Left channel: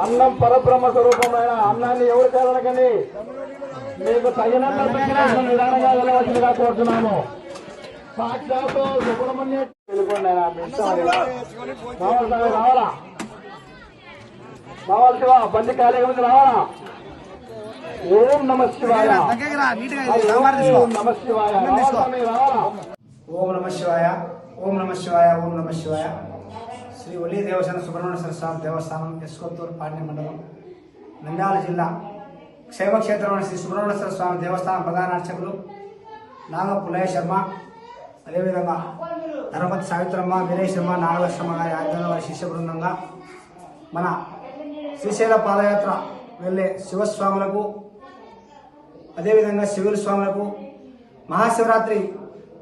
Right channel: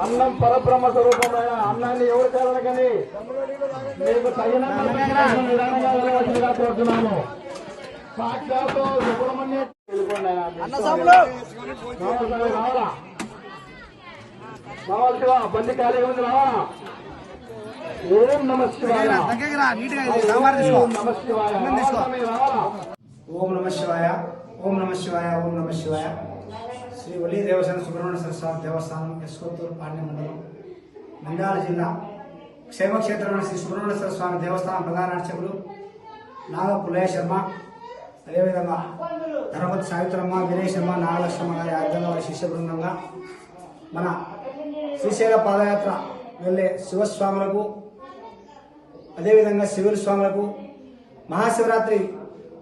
అన్నం పరబ్రహ్మ స్వరూపమైన అన్నాన్ని ఎవరు చేయాలనకండి మీకు తగినంత విధానంగా వెళ్ళవలసిందిగా కోరుతున్నాము. సాక్షాత్తు సుబ్రహ్మణ్య రావాలా కావాల్సివా బండి కార్యక్రమం నుంచి రావాలా. ఓం నమ శివాయ ఓం నమ శివాయ రావాలా. ఓం నమ శివాయ ఓం నమ శివాయ ఓం నమ శివాయ. శ్రీ ఒలి దేవసేన సుబ్రహ్మణ్య స్వామి దేవస్థానం ఎస్కొత్తూరు పాండ్య మండలం నంద్యాల జిల్లా క్షేమక్షేత్రమైన శ్రీ సుబ్రహ్మణ్య స్వామి దేవస్థానం ప్రధాన అర్చకులు నాగ పుల్లయ్య శర్మ, అదేవిధంగా ధర్మతి సావిత్రమ్మ, వీరేశ్ శర్మ, నాగలక్ష్మ గారి ఆధ్వర్యంలో వారి శిష్య బృందంగా మన శ్రీశైల పాదయాత్ర వెళ్లే శివస్వాములకు, అదేవిధంగా శివుల స్వాములకు మహాశివరాత్రి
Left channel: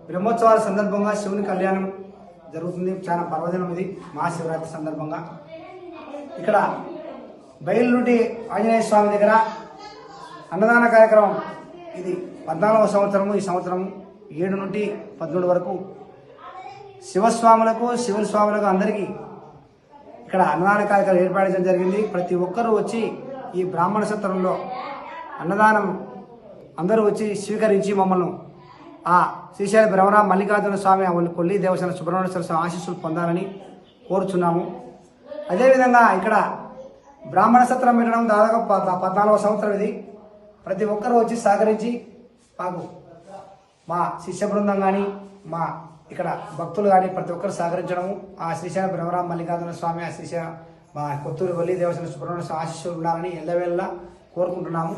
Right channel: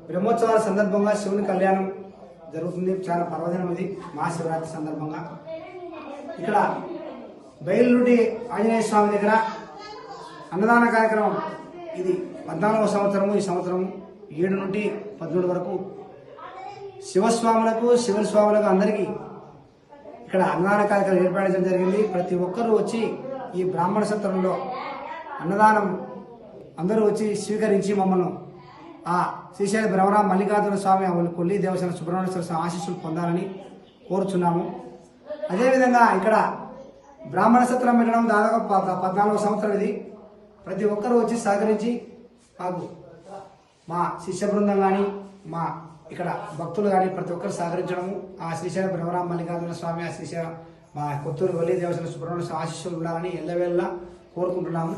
బ్రహ్మోత్సవాల సందర్భంగా శివుని కళ్యాణం జరుగుతుంది. చాలా పర్వదినం ఇది. మహాశివరాత్రి సందర్భంగా ఇక్కడ బయలునుడి ఆంజనేయ స్వామి దగ్గర అన్నదాన కార్యక్రమం ఇది 14వ సంవత్సరము. ఈ సంవత్సరం 7 నుండి 13 వరకు శివస్వాములకు, శివుల స్వాములకు అందరికీ ఇక్కడ అన్నదాన కార్యక్రమం ఏర్పాటు చేయడం జరిగింది. ప్రతి ఒక్కరూ వచ్చి ఈ బ్రాహ్మణ సత్రంలో అన్నదానం అందరూ వచ్చి స్వీకరించి మమ్మల్ని ఆ శ్రీశైల బ్రహ్మరామ మల్లికార్జున స్వామి మమ్మల్ని కొల్లి దేవసేన సుబ్రహ్మణ్య స్వామి ఆశీస్సులు పొందాలని కోరుచున్నాము. అదేవిధంగా ఇక్కడ బ్రాహ్మణ సత్రం పెట్టడం దాదాపు 14వ సంవత్సరం ఇది. ప్రతి ఒక్కరూ వచ్చి సహకరించి మాకు మా శిష్య బృందం కానీ మా ఇక్కడ భక్తులు కానీ ప్రతి ఒక్కరు సహకరించడము, ఆ శ్రీశైల బ్రహ్మరామ మల్లికార్జున స్వామి, ఆ శ్రీశైల మా కొత్తూరు వల్లి దేవసేన సుబ్రహ్మణ్య స్వామి ఆశీస్సులు ఉండాలని ఎల్లవేళలా కోరుకుంటున్నాము.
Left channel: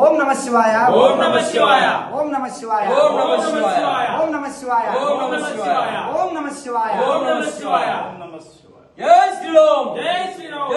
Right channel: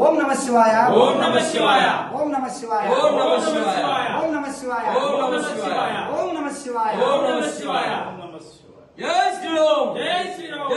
ఓం నమ శివాయ ఓం నమ శివాయ ఓం నమ శివాయ ఓం నమ శివాయ ఓం నమ శివాయ ఓం నమ శివాయ ఓం నమ శివాయ ఓం నమ శివాయ. జై శ్రీరామ్ జై శ్రీరామ్.